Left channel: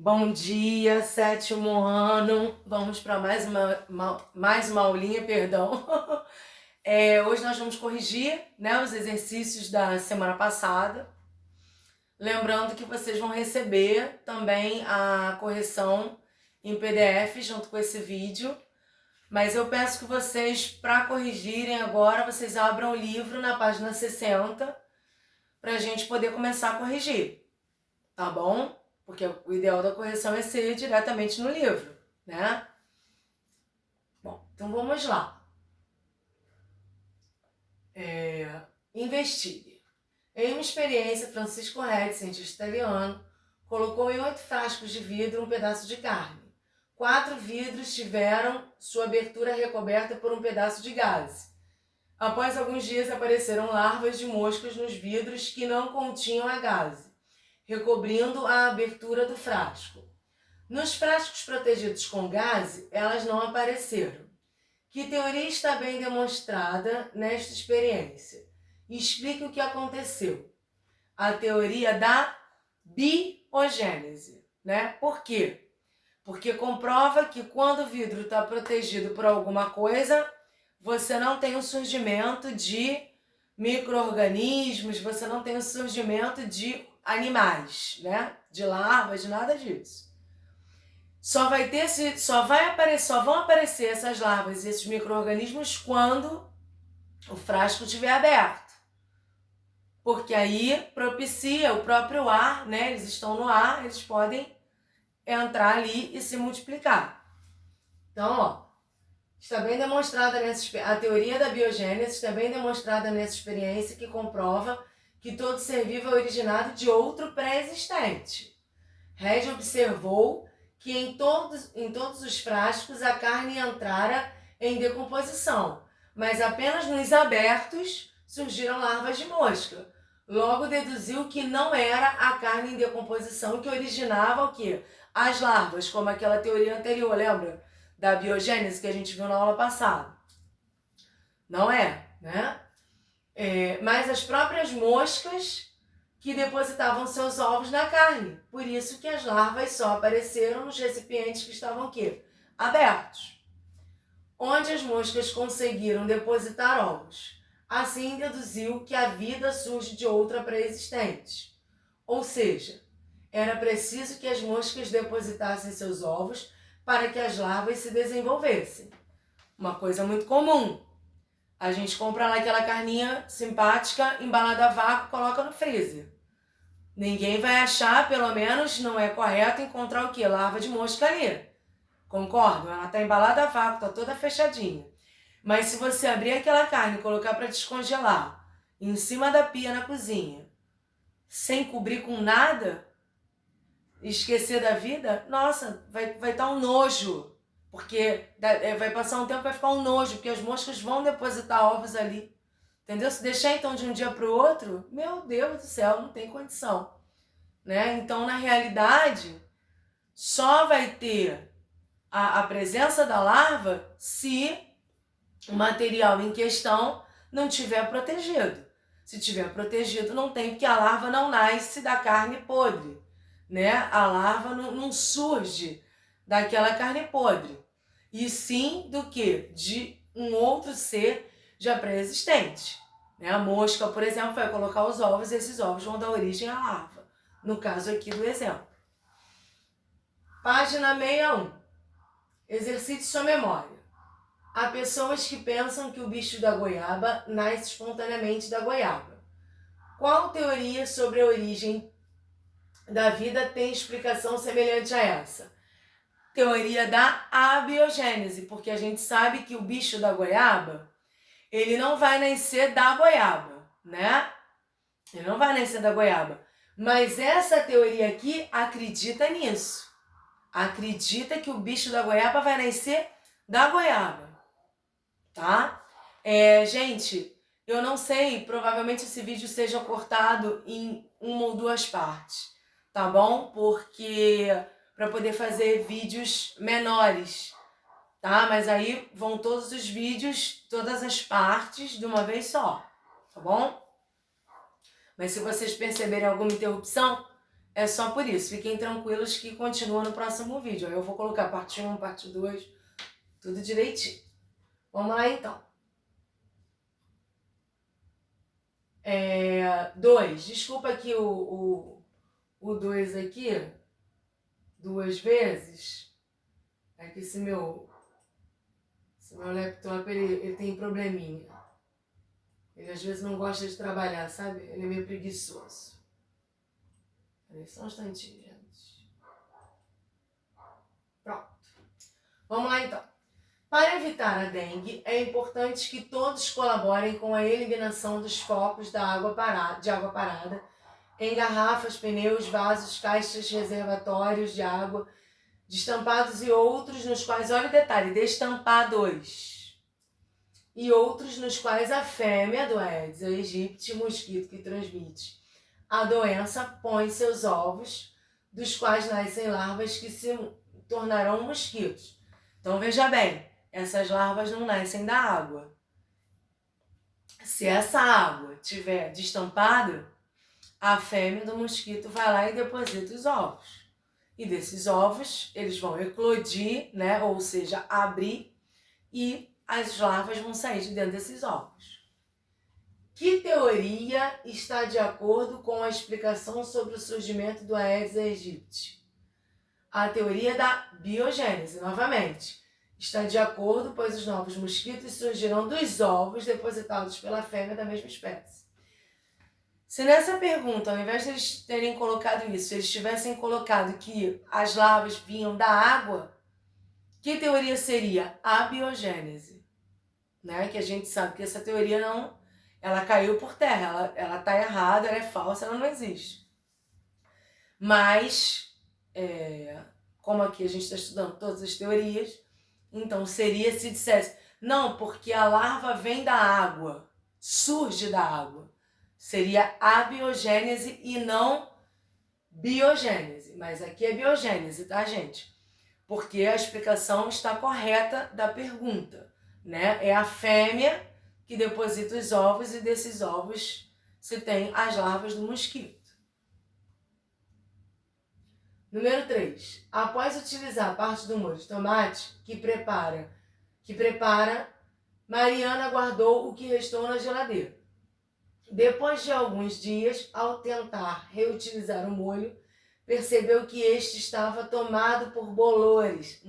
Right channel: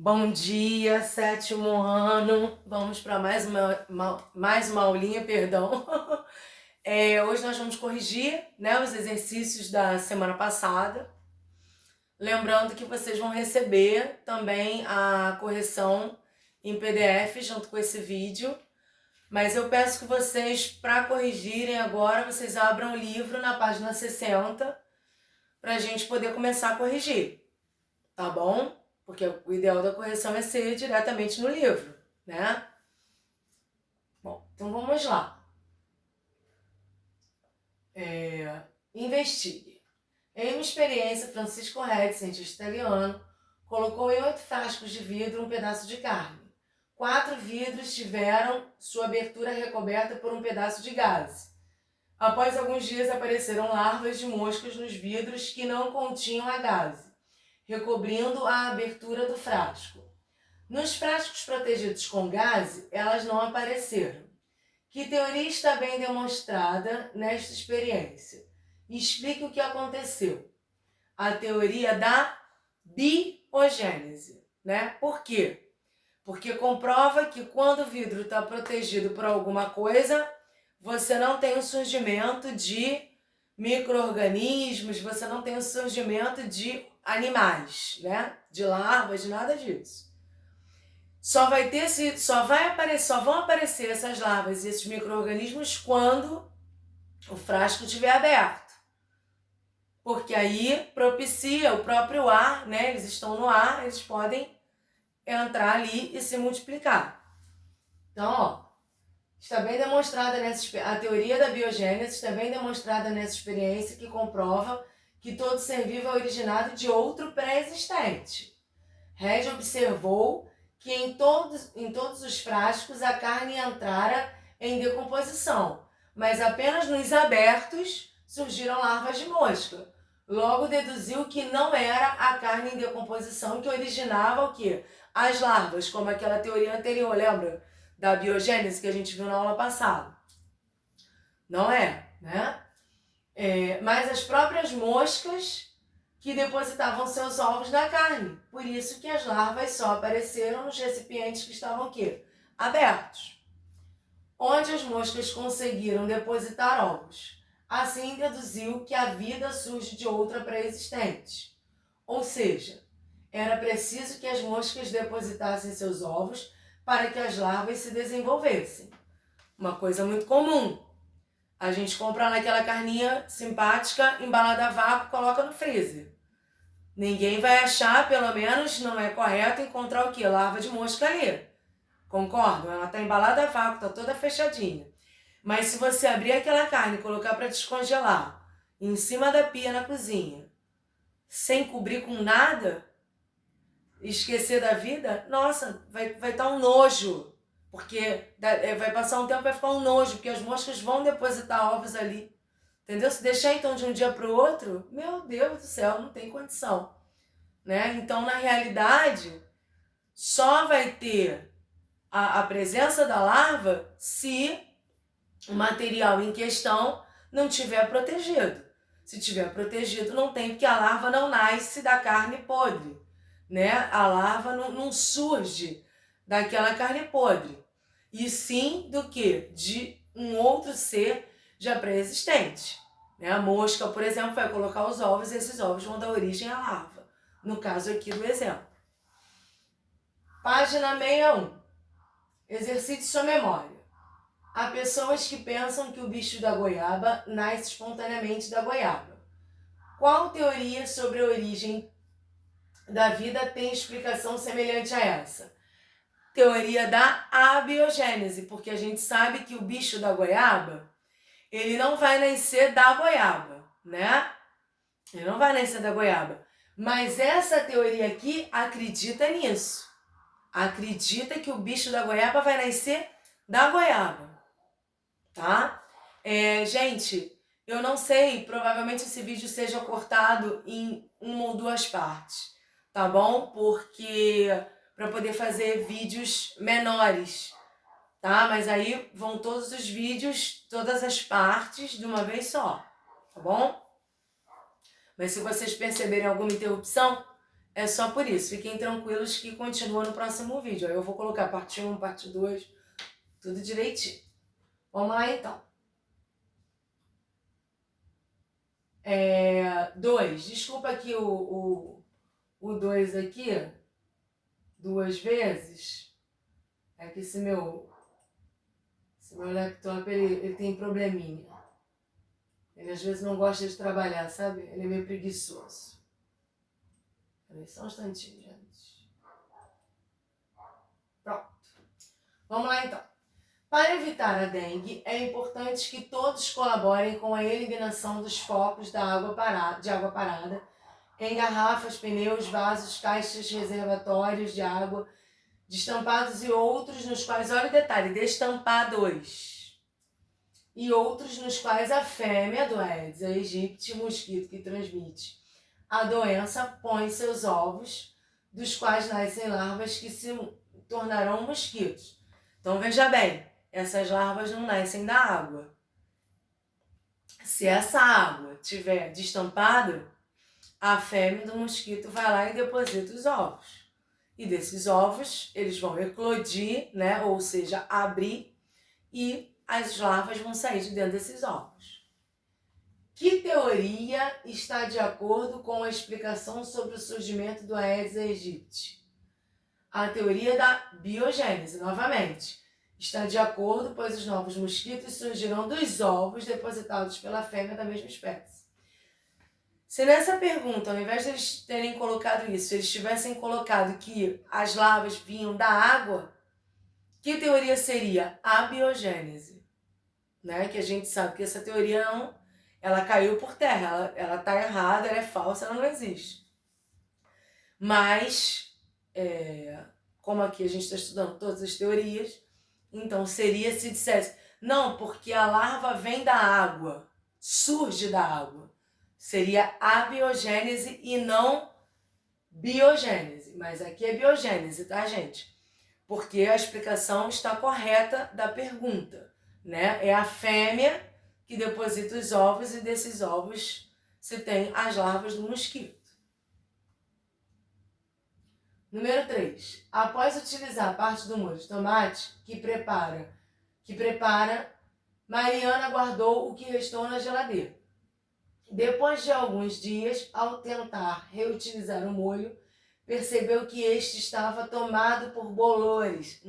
Bom dia, sétimo ano. Vamos para mais uma aulinha, perdão. Hoje nós vamos corrigir, né, os exercícios da semana passada. Lembrando que vocês vão receber também a correção em PDF junto com esse vídeo. Mas eu peço que vocês, para corrigirem agora, vocês abram o livro na página 60 para a gente poder começar a corrigir, tá bom? Porque o ideal da correção é ser diretamente no livro, né? Bom, então vamos lá. Investigue. Em uma experiência, Francisco Reg, cientista italiano, colocou em 8 frascos de vidro um pedaço de carne. 4 vidros tiveram sua abertura recoberta por um pedaço de gaze. Após alguns dias apareceram larvas de moscas nos vidros que não continham a gaze, recobrindo a abertura do frasco. Nos frascos protegidos com gaze, elas não apareceram. Que teoria está bem demonstrada nesta experiência? Explique o que aconteceu. A teoria da biogênese, né? Por quê? Porque comprova que quando o vidro está protegido por alguma coisa, você não tem o surgimento de micro-organismos, você não tem o surgimento de animais, né? De larvas, de nada disso. Só vão aparecer essas larvas e esses micro-organismos quando o frasco estiver aberto. Porque aí propicia o próprio ar, né? Eles estão no ar, eles podem entrar ali e se multiplicar. Então, ó, está bem demonstrada a teoria da biogênese está bem demonstrada nessa experiência que comprova que todo ser vivo é originado de outro pré-existente. Reg observou que em todos os frascos a carne entrara em decomposição, mas apenas nos abertos surgiram larvas de mosca. Logo deduziu que não era a carne em decomposição que originava o quê? As larvas, como aquela teoria anterior, lembra? Da biogênese que a gente viu na aula passada. Não é, né? Mas as próprias moscas que depositavam seus ovos na carne. Por isso que as larvas só apareceram nos recipientes que estavam o quê? Abertos. Onde as moscas conseguiram depositar ovos. Assim deduziu que a vida surge de outra pré-existente. Ou seja, era preciso que as moscas depositassem seus ovos para que as larvas se desenvolvessem. Uma coisa muito comum. A gente compra lá aquela carninha simpática, embalada a vácuo, coloca no freezer. Ninguém vai achar, pelo menos não é correto, encontrar o quê? Larva de mosca ali. Concordam? Ela está embalada a vácuo, está toda fechadinha. Mas se você abrir aquela carne e colocar para descongelar em cima da pia na cozinha, sem cobrir com nada, esquecer da vida, nossa, vai estar um nojo. Porque vai passar um tempo, vai ficar um nojo, porque as moscas vão depositar ovos ali. Entendeu? Se deixar então de um dia para o outro, meu Deus do céu, não tem condição. Né? Então, na realidade, só vai ter a presença da larva se o material em questão não tiver protegido. Se tiver protegido, não tem, porque a larva não nasce da carne podre. Né? A larva não surge daquela carne podre. E sim do que? De um outro ser já pré-existente. Né? A mosca, por exemplo, vai colocar os ovos e esses ovos vão dar origem à larva. No caso aqui do exemplo. Página 61. Exercite sua memória. Há pessoas que pensam que o bicho da goiaba nasce espontaneamente da goiaba. Qual teoria sobre a origem da vida tem explicação semelhante a essa? Teoria da abiogênese, porque a gente sabe que o bicho da goiaba, ele não vai nascer da goiaba, né? Ele não vai nascer da goiaba. Mas essa teoria aqui acredita nisso. Acredita que o bicho da goiaba vai nascer da goiaba, tá? Gente, eu não sei, provavelmente esse vídeo seja cortado em 1 ou 2 partes, tá bom? Porque para poder fazer vídeos menores, tá? Mas aí vão todos os vídeos, todas as partes de uma vez só, tá bom? Mas se vocês perceberem alguma interrupção, É só por isso. Fiquem tranquilos que continua no próximo vídeo. Aí eu vou colocar parte 1, parte 2, tudo direitinho. Vamos lá, então. 2. Desculpa aqui o 2 aqui, 2 vezes. É que esse meu laptop, ele tem probleminha. Ele às vezes não gosta de trabalhar, sabe? Ele é meio preguiçoso. Peraí, só um instantinho, gente. Pronto. Vamos lá, então. Para evitar a dengue, é importante que todos colaborem com a eliminação dos focos de água parada em garrafas, pneus, vasos, caixas, reservatórios de água, destampados e outros nos quais, olha o detalhe, destampados, e outros nos quais a fêmea do Aedes aegypti, mosquito que transmite a doença, põe seus ovos, dos quais nascem larvas que se tornarão mosquitos. Então veja bem, essas larvas não nascem da água. Se essa água tiver destampada, a fêmea do mosquito vai lá e deposita os ovos. E desses ovos, eles vão eclodir, né? Ou seja, abrir, e as larvas vão sair de dentro desses ovos. Que teoria está de acordo com a explicação sobre o surgimento do Aedes aegypti? A teoria da biogênese, novamente. Está de acordo, pois os novos mosquitos surgirão dos ovos depositados pela fêmea da mesma espécie. Se nessa pergunta, ao invés de eles terem colocado isso, eles tivessem colocado que as larvas vinham da água, que teoria seria? A biogênese. Né? Que a gente sabe que essa teoria não, ela caiu por terra, ela está errada, ela é falsa, ela não existe. Mas, como aqui a gente está estudando todas as teorias, então seria se dissesse, não, porque a larva vem da água, surge da água. Seria abiogênese e não biogênese. Mas aqui é biogênese, tá, gente? Porque a explicação está correta da pergunta, né? É a fêmea que deposita os ovos e desses ovos se tem as larvas do mosquito. Número 3. Após utilizar parte do molho de tomate que prepara, Mariana guardou o que restou na geladeira. Depois de alguns dias, ao tentar reutilizar o molho, percebeu que este estava tomado por bolores,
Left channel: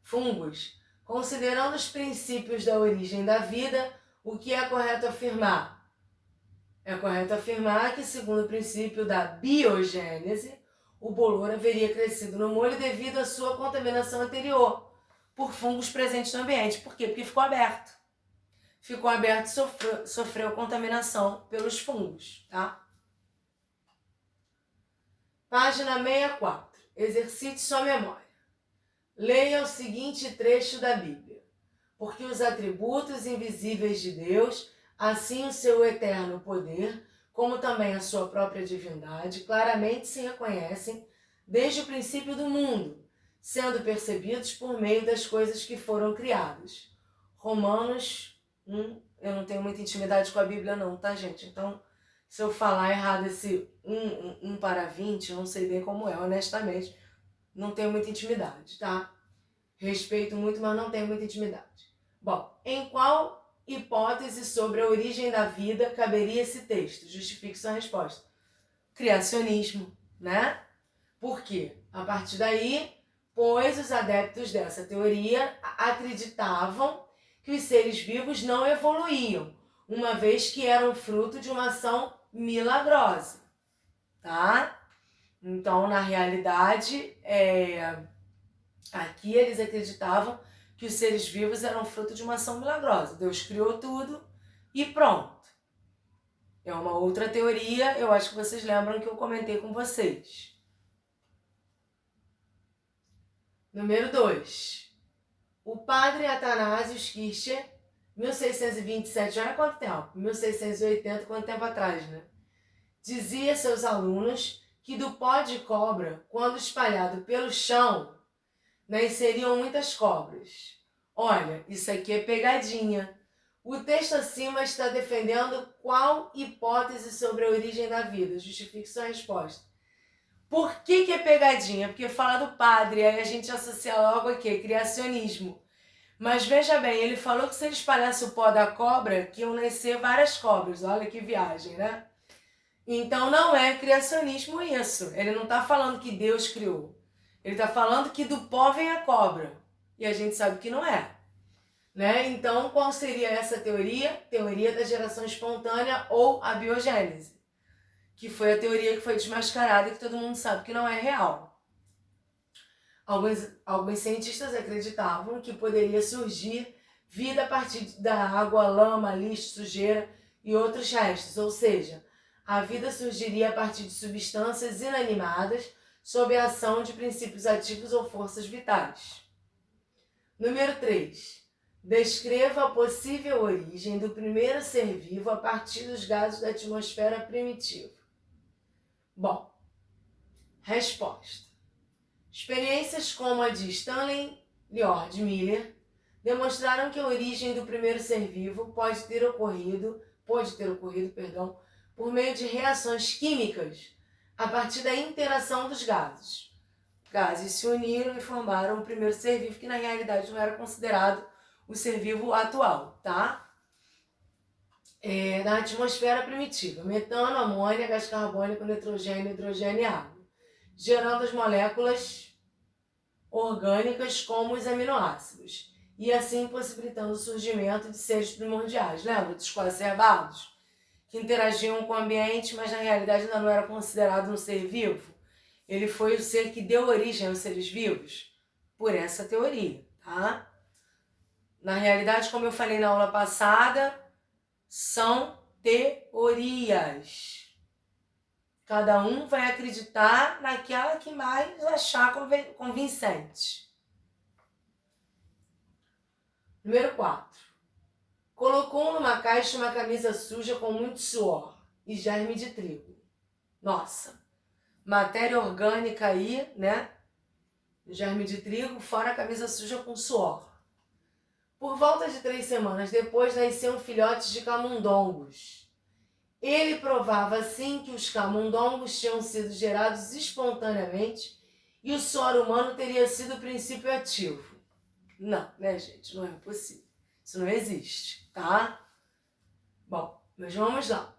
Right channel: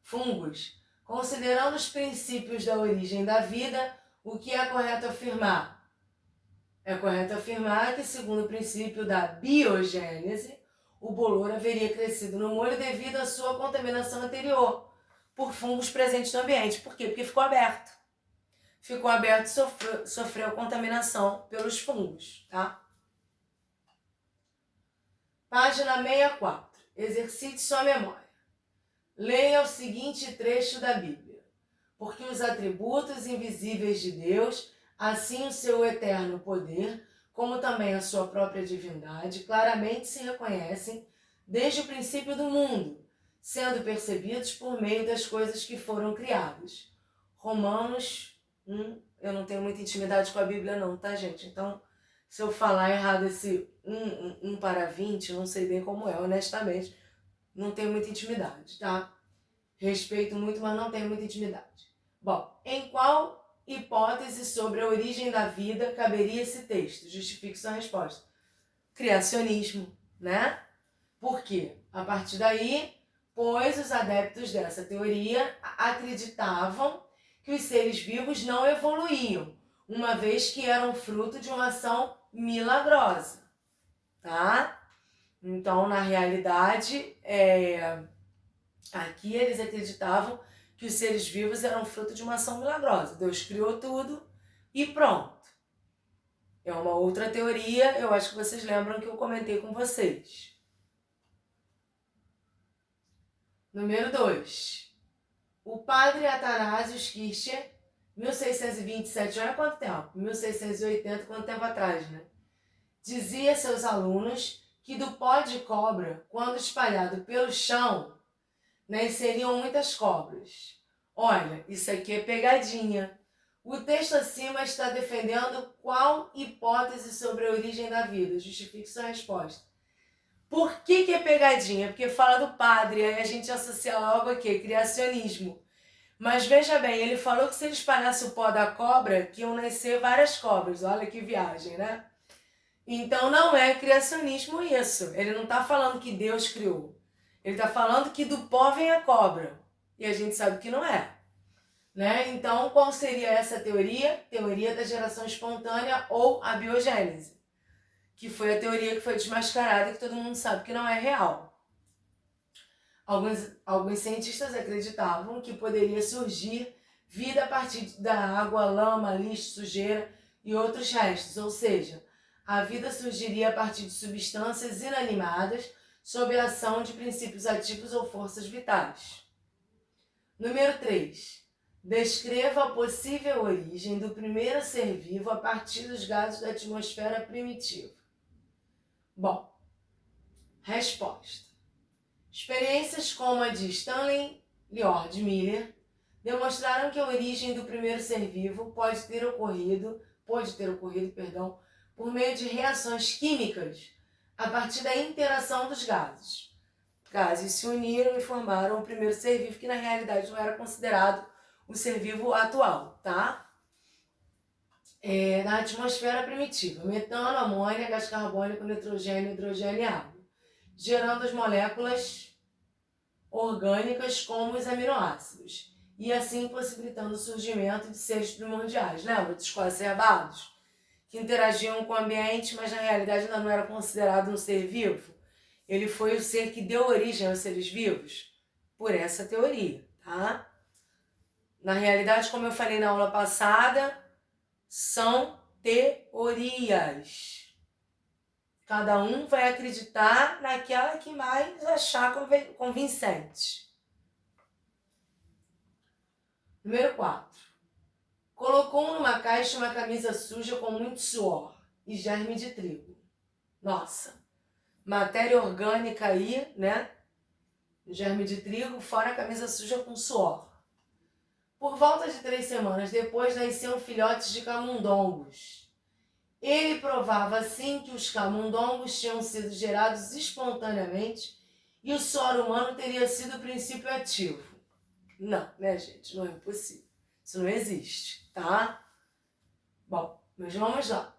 fungos. Considerando os princípios da origem da vida, o que é correto afirmar? É correto afirmar que, segundo o princípio da biogênese, o bolor haveria crescido no molho devido à sua contaminação anterior por fungos presentes no ambiente. Por quê? Porque ficou aberto. Ficou aberto e sofreu contaminação pelos fungos, tá? Página 64. Exercite sua memória. Leia o seguinte trecho da Bíblia. Porque os atributos invisíveis de Deus, assim o seu eterno poder, como também a sua própria divindade, claramente se reconhecem desde o princípio do mundo, sendo percebidos por meio das coisas que foram criadas. Romanos 1, eu não tenho muita intimidade com a Bíblia não, tá, gente? Então, se eu falar errado esse 1 para 20, eu não sei bem como é, honestamente. Não tenho muita intimidade, tá? Respeito muito, mas não tenho muita intimidade. Bom, em qual hipótese sobre a origem da vida caberia esse texto? Justifique sua resposta. Criacionismo, né? Por quê? A partir daí, pois os adeptos dessa teoria acreditavam que os seres vivos não evoluíam, uma vez que eram fruto de uma ação milagrosa, tá? Então, na realidade, aqui eles acreditavam que os seres vivos eram fruto de uma ação milagrosa. Deus criou tudo e pronto. É uma outra teoria, eu acho que vocês lembram que eu comentei com vocês. Número 2. O padre Athanasius Kircher, 1627, olha quanto tempo, 1680, quanto tempo atrás, né? Dizia a seus alunos que do pó de cobra, quando espalhado pelo chão, nasceriam muitas cobras. Olha, isso aqui é pegadinha. O texto acima está defendendo qual hipótese sobre a origem da vida? Justifique sua resposta. Por que é pegadinha? Porque fala do padre, aí a gente associa logo aqui, criacionismo. Mas veja bem, ele falou que se ele espalhasse o pó da cobra, que iam nascer várias cobras. Olha que viagem, né? Então não é criacionismo isso. Ele não está falando que Deus criou. Ele está falando que do pó vem a cobra. E a gente sabe que não é. Né? Então, qual seria essa teoria? Teoria da geração espontânea ou a biogênese. Que foi a teoria que foi desmascarada e que todo mundo sabe que não é real. Alguns cientistas acreditavam que poderia surgir vida a partir da água, lama, lixo, sujeira e outros restos, ou seja, a vida surgiria a partir de substâncias inanimadas sob a ação de princípios ativos ou forças vitais. Número 3. Descreva a possível origem do primeiro ser vivo a partir dos gases da atmosfera primitiva. Bom, resposta. Experiências como a de Stanley Lloyd Miller demonstraram que a origem do primeiro ser vivo pode ter ocorrido, por meio de reações químicas a partir da interação dos gases. Gases se uniram e formaram o primeiro ser vivo, que na realidade não era considerado o ser vivo atual, tá? Na atmosfera primitiva, metano, amônia, gás carbônico, nitrogênio, hidrogênio e água, gerando as moléculas orgânicas como os aminoácidos, e assim possibilitando o surgimento de seres primordiais. Lembra dos coacervados? Que interagiam com o ambiente, mas na realidade ainda não era considerado um ser vivo. Ele foi o ser que deu origem aos seres vivos, por essa teoria, tá? Na realidade, como eu falei na aula passada, são teorias. Cada um vai acreditar naquela que mais achar convincente. Número 4. Colocou numa caixa uma camisa suja com muito suor e germe de trigo. Nossa, matéria orgânica aí, né? Germe de trigo, fora a camisa suja com suor. Por volta de 3 semanas depois, nasciam filhotes de camundongos. Ele provava assim que os camundongos tinham sido gerados espontaneamente e o suor humano teria sido o princípio ativo. Não, né, gente? Não é possível. Isso não existe, tá? Bom, mas vamos lá.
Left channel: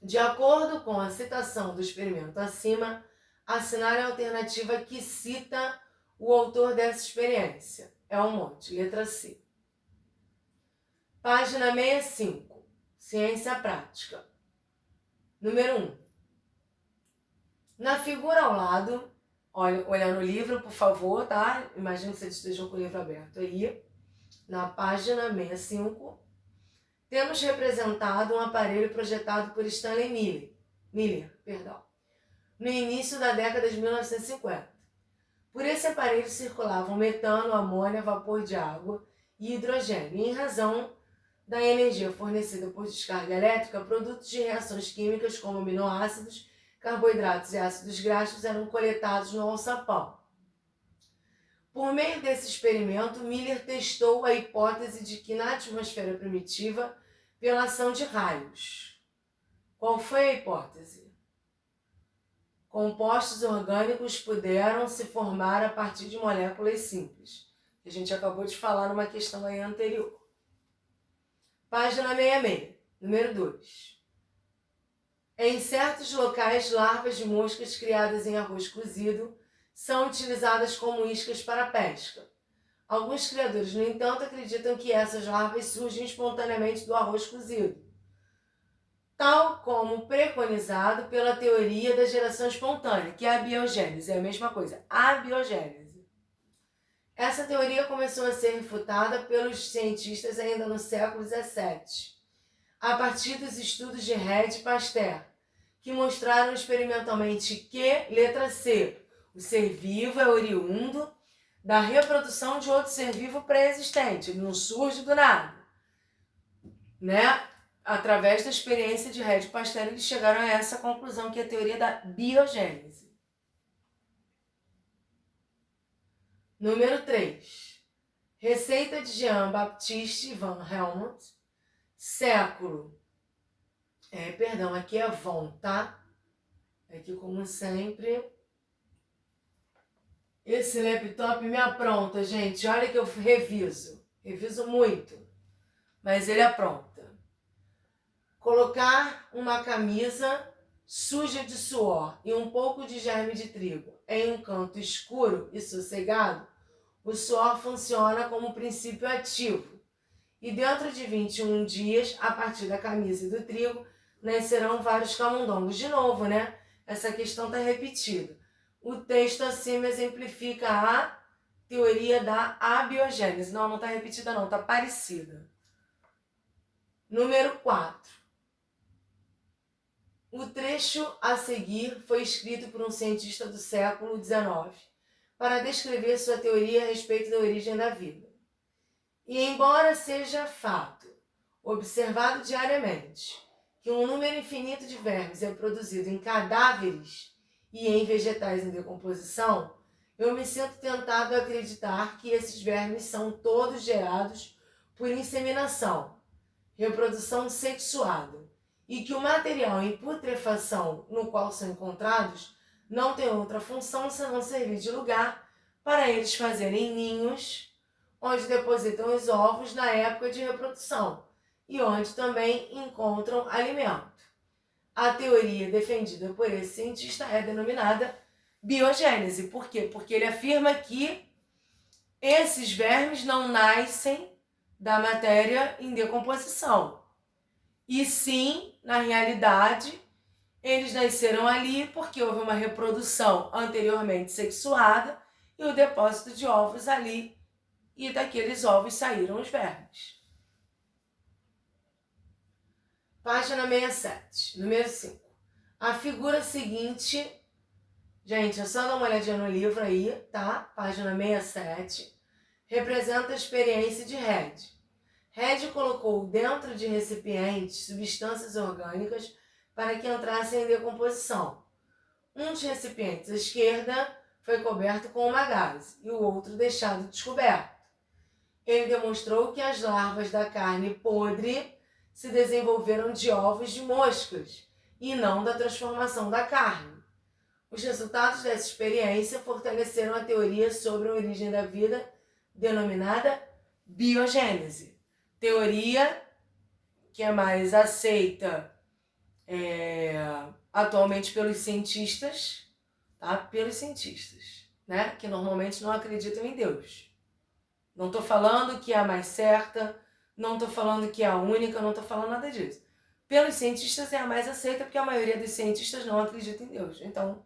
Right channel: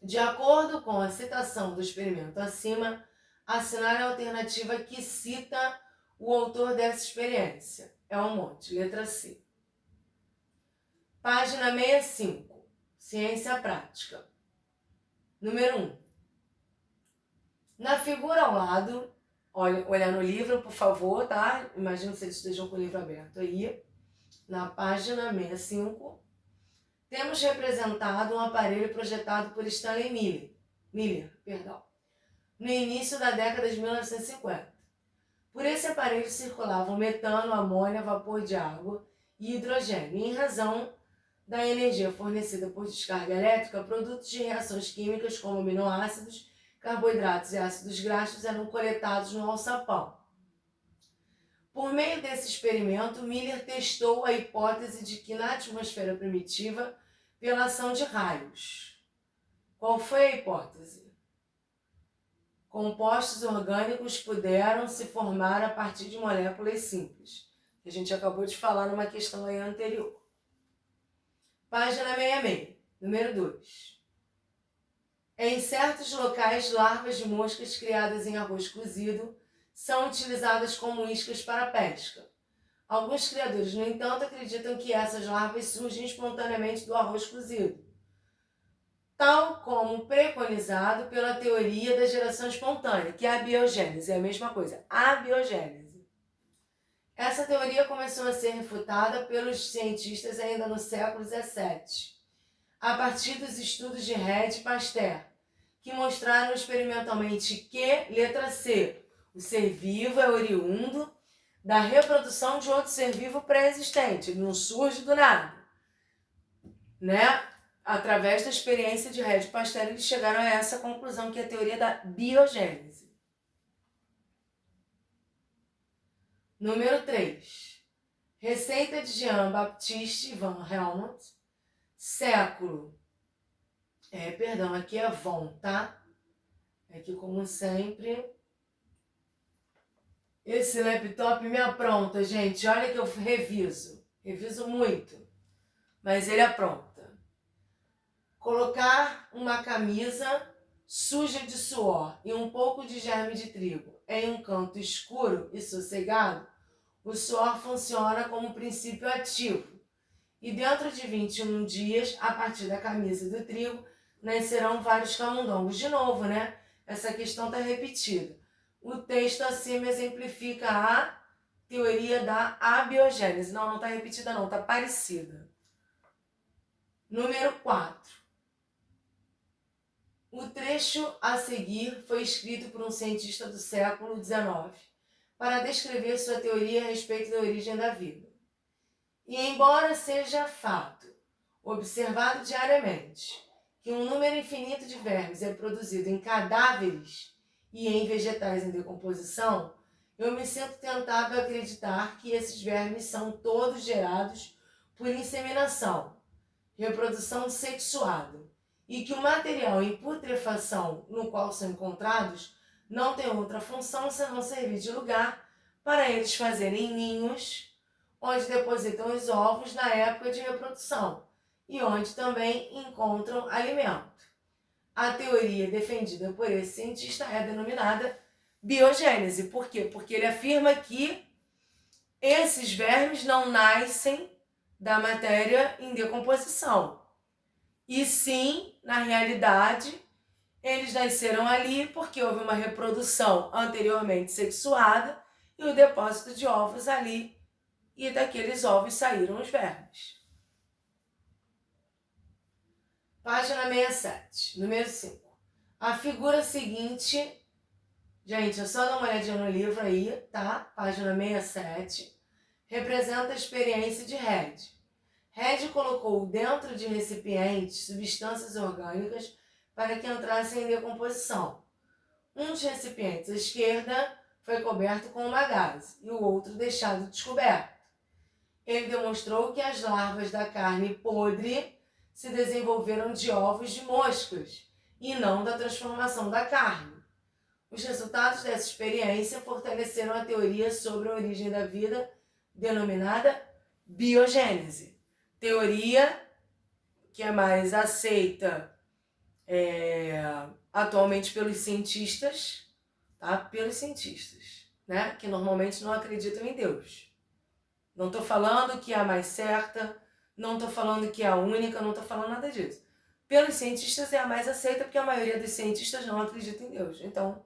De acordo com a citação do experimento acima, assinale a alternativa que cita o autor dessa experiência. É um monte, letra C. Página 65. Ciência prática. Número 1. Na figura ao lado, olha no livro, por favor, tá? Imagino que vocês estejam com o livro aberto aí. Na página 65, temos representado um aparelho projetado por Stanley Miller, no início da década de 1950. Por esse aparelho circulavam metano, amônia, vapor de água e hidrogênio, e em razão da energia fornecida por descarga elétrica, produtos de reações químicas como aminoácidos, carboidratos e ácidos graxos eram coletados no alçapão. Por meio desse experimento, Miller testou a hipótese de que na atmosfera primitiva, pela ação de raios. Qual foi a hipótese? Compostos orgânicos puderam se formar a partir de moléculas simples. A gente acabou de falar numa questão aí anterior. Página 66, número 2. Em certos locais, larvas de moscas criadas em arroz cozido são utilizadas como iscas para a pesca. Alguns criadores, no entanto, acreditam que essas larvas surgem espontaneamente do arroz cozido, tal como preconizado pela teoria da geração espontânea, que é a biogênese, é a mesma coisa, a biogênese. Essa teoria começou a ser refutada pelos cientistas ainda no século XVII, a partir dos estudos de Red e Pasteur, que mostraram experimentalmente que, letra C, o ser vivo é oriundo da reprodução de outro ser vivo pré-existente, ele não surge do nada, né? Através da experiência de Red e Pasteur, eles chegaram a essa conclusão, que é a teoria da biogênese. Número 3. Receita de Jean-Baptiste van Helmont, século... aqui é von, tá? Aqui, como sempre, esse laptop me apronta, gente. Olha que eu reviso muito, mas ele apronta. Colocar uma camisa suja de suor e um pouco de germe de trigo em um canto escuro e sossegado, o suor funciona como princípio ativo. E dentro de 21 dias, a partir da camisa e do trigo, nascerão vários camundongos. De novo, né? Essa questão está repetida. O texto acima exemplifica a teoria da abiogênese. Não está repetida não, está parecida. Número 4. O trecho a seguir foi escrito por um cientista do século XIX para descrever sua teoria a respeito da origem da vida. E embora seja fato, observado diariamente, que um número infinito de vermes é produzido em cadáveres e em vegetais em decomposição, eu me sinto tentado a acreditar que esses vermes são todos gerados por inseminação, reprodução sexuada, e que o material em putrefação no qual são encontrados não tem outra função senão servir de lugar para eles fazerem ninhos, onde depositam os ovos na época de reprodução e onde também encontram alimento. A teoria defendida por esse cientista é denominada biogênese. Por quê? Porque ele afirma que esses vermes não nascem da matéria em decomposição. E sim, na realidade, eles nasceram ali porque houve uma reprodução anteriormente sexuada e o depósito de ovos ali, e daqueles ovos saíram os vermes. Página 67, número 5. A figura seguinte, gente, é só dar uma olhadinha no livro aí, tá? Página 67, representa a experiência de Red. Red colocou dentro de recipientes substâncias orgânicas para que entrassem em decomposição. Um dos recipientes à esquerda foi coberto com uma gaze e o outro deixado descoberto. Ele demonstrou que as larvas da carne podre se desenvolveram de ovos de moscas e não da transformação da carne. Os resultados dessa experiência fortaleceram a teoria sobre a origem da vida, denominada biogênese. Teoria que é mais aceita atualmente pelos cientistas, tá? Pelos cientistas, né? Que normalmente não acreditam em Deus. Não estou falando que é a mais certa, não estou falando que é a única, não estou falando nada disso. Pelos cientistas é a mais aceita porque a maioria dos cientistas não acredita em Deus. Então,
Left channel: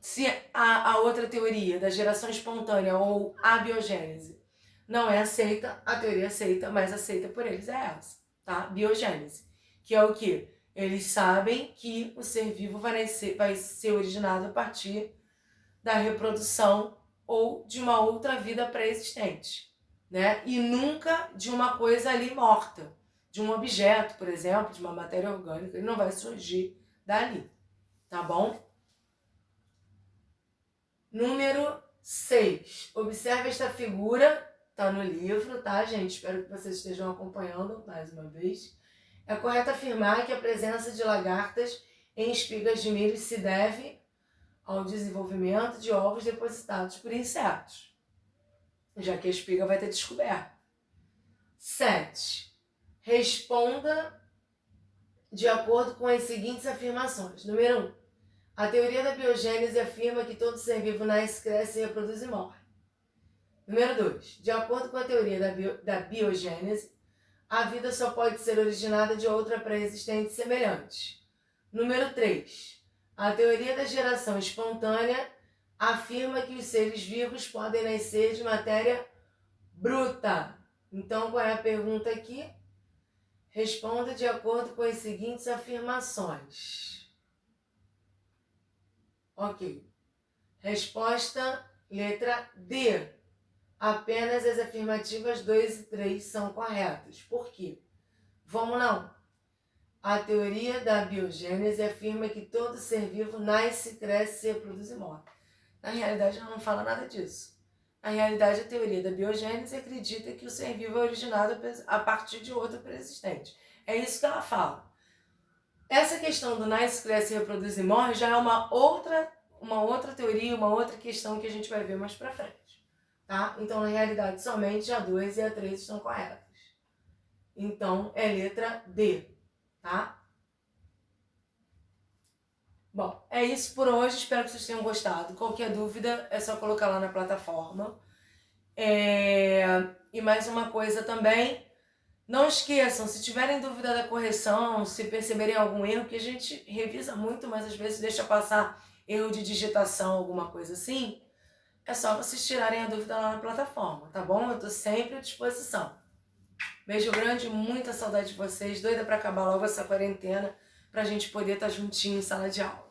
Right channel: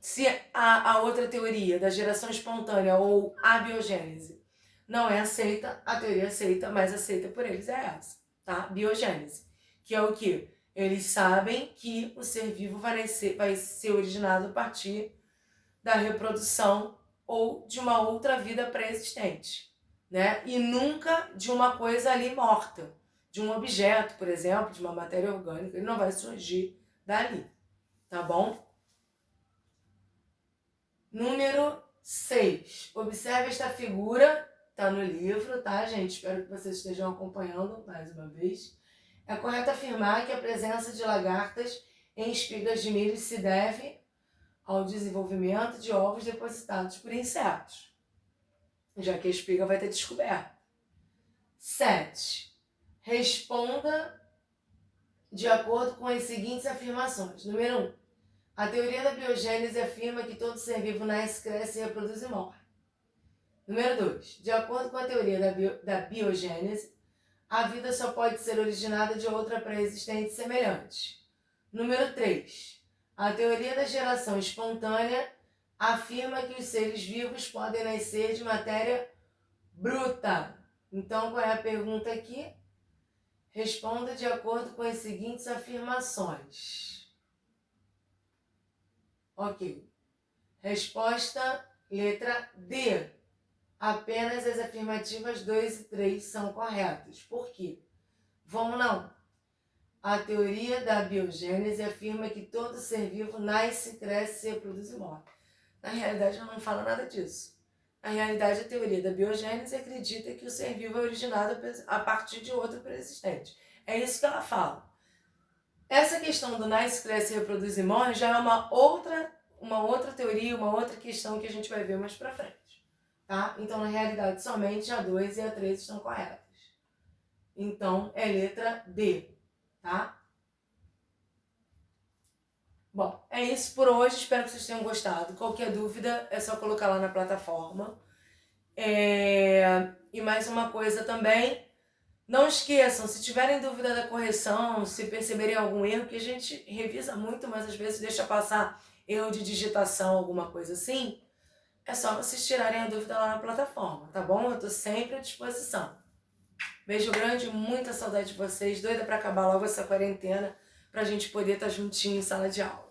se a outra teoria da geração espontânea ou a biogênese não é aceita, a teoria aceita, mais aceita por eles é essa, tá? Biogênese, que é o quê? Eles sabem que o ser vivo vai ser originado a partir da reprodução ou de uma outra vida pré-existente, né? E nunca de uma coisa ali morta, de um objeto, por exemplo, de uma matéria orgânica, ele não vai surgir dali, tá bom? Número 6. Observe esta figura, tá no livro, tá, gente? Espero que vocês estejam acompanhando mais uma vez. É correto afirmar que a presença de lagartas em espigas de milho se deve ao desenvolvimento de ovos depositados por insetos, já que a espiga vai ter descoberto. 7. Responda de acordo com as seguintes afirmações. Número 1. A teoria da biogênese afirma que todo ser vivo nasce, cresce, reproduz e morre. Número 2. De acordo com a teoria da biogênese, a vida só pode ser originada de outra pré-existente semelhante. Número 3. A teoria da geração espontânea afirma que os seres vivos podem nascer de matéria bruta. Então, qual é a pergunta aqui? Responda de acordo com as seguintes afirmações. Ok. Resposta, letra D. Apenas as afirmativas 2 e 3 são corretas. Por quê? Vamos lá. A teoria da biogênese afirma que todo ser vivo nasce, cresce, se reproduz e morre. Na realidade, ela não fala nada disso. Na realidade, a teoria da biogênese acredita que o ser vivo é originado a partir de outro pré-existente. É isso que ela fala. Essa questão do nasce, cresce, reproduz e morre já é uma outra teoria, uma outra questão que a gente vai ver mais pra frente, tá? Então, na realidade, somente a 2 e a 3 estão corretas. Então, é letra D, tá? Bom, é isso por hoje. Espero que vocês tenham gostado. Qualquer dúvida, é só colocar lá na plataforma. E mais uma coisa também, não esqueçam, se tiverem dúvida da correção, se perceberem algum erro, que a gente revisa muito, mas às vezes deixa passar erro de digitação, alguma coisa assim, é só vocês tirarem a dúvida lá na plataforma, tá bom? Eu tô sempre à disposição. Beijo grande, muita saudade de vocês, doida pra acabar logo essa quarentena, pra gente poder estar juntinho em sala de aula.